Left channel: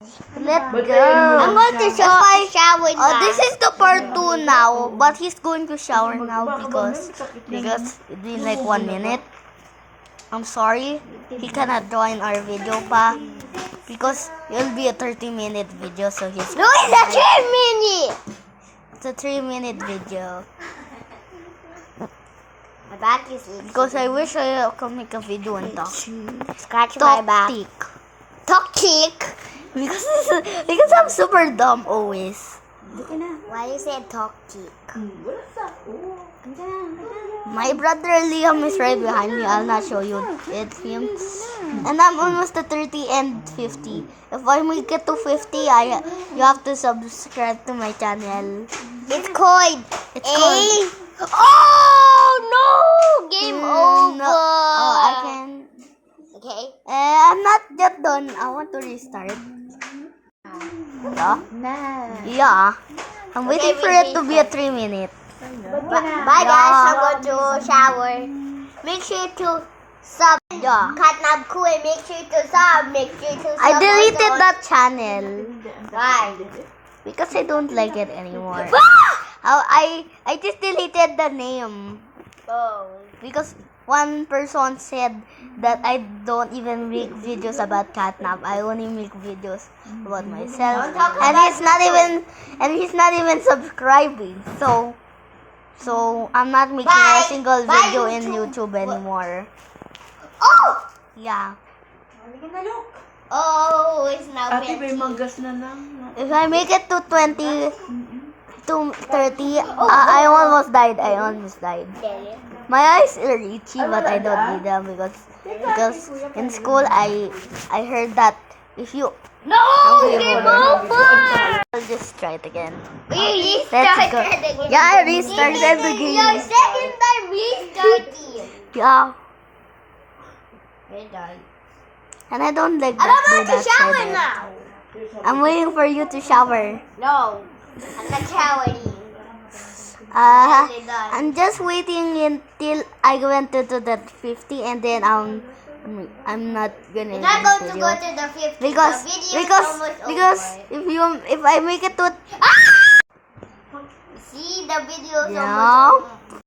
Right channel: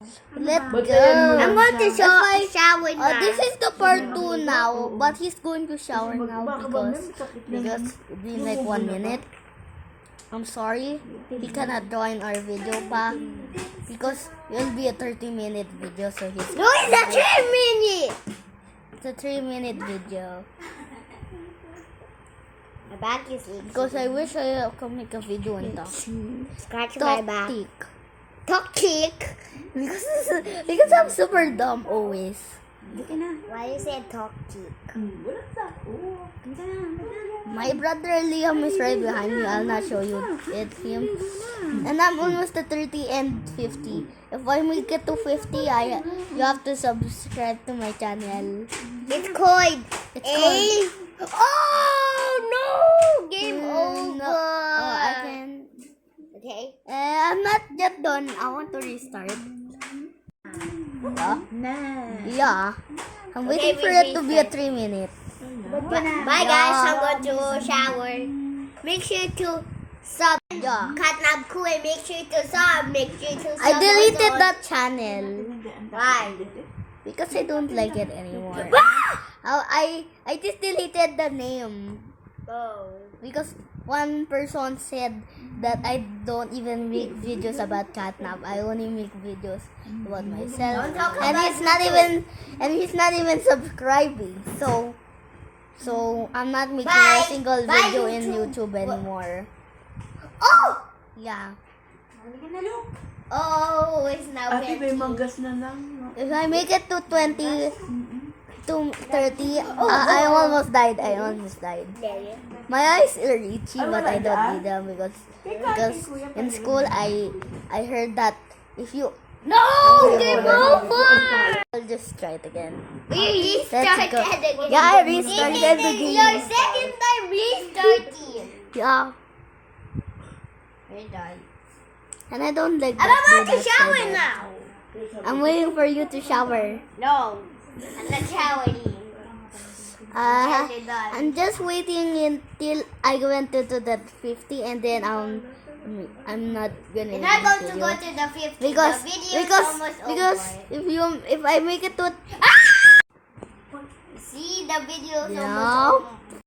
Let's But go. I'm going to shower now. This is the part 2 now, but he's going to shower now because it's been like 1 minute. I'm sorry, he cannot join our video pa because it'll be a 30-minute video, so he's No, it's a 3 minute. it's a 3-minute video. My back is itchy. Because I wish I could make a video and talk. Scratch my back. Tick. Talk tick. Because I'm super dumb always. Why you say talk tick? My brother Liam is right behind me. I'll not show you it's him. And I'm almost at 30 and 50. If I make it to 50, you have to subscribe to my channel. It's called It's called. Oh no! Game over. No. Oh, I can. Okay. I'm not yet done. I want to restart. Yeah. Yeah. I'm waiting for it to be a 3 minute. Bye guys. I'm going to shower. Make sure to sub. Yeah. Catnap cool. Make sure to sub. Make sure to sub. I deleted also. that channel Why? because I don't like it anymore. Ah! I just deleted the name Oh. because one person said that I don't even make videos about catnap. I only make videos about myself, Don't talk and about he's not even subscribing. So I'm not making Bye. a single Bye, video in YouTube. YouTube anymore. Oh. Yeah. Oh, it's now Ate, may 50. manggas na lang. If I make it to 20 to 30, I almost died. My eyes are itchy, but I don't need them because in school I heard that if you No, game over. I'll just try it again. You Let's go. restarted again. Yeah, I restarted the Your game. second time restarting. Yeah, We're done. and I don't like I'm that. about do to that shower side. now. I'm waiting for you to shower. No, I'm not showering. Nearly done. I'm just waiting until I went to that 50, and then I'm not gonna You're not going to video. go to the 50. Because the video is almost over. if I make it to See, the video is Yeah. almost over.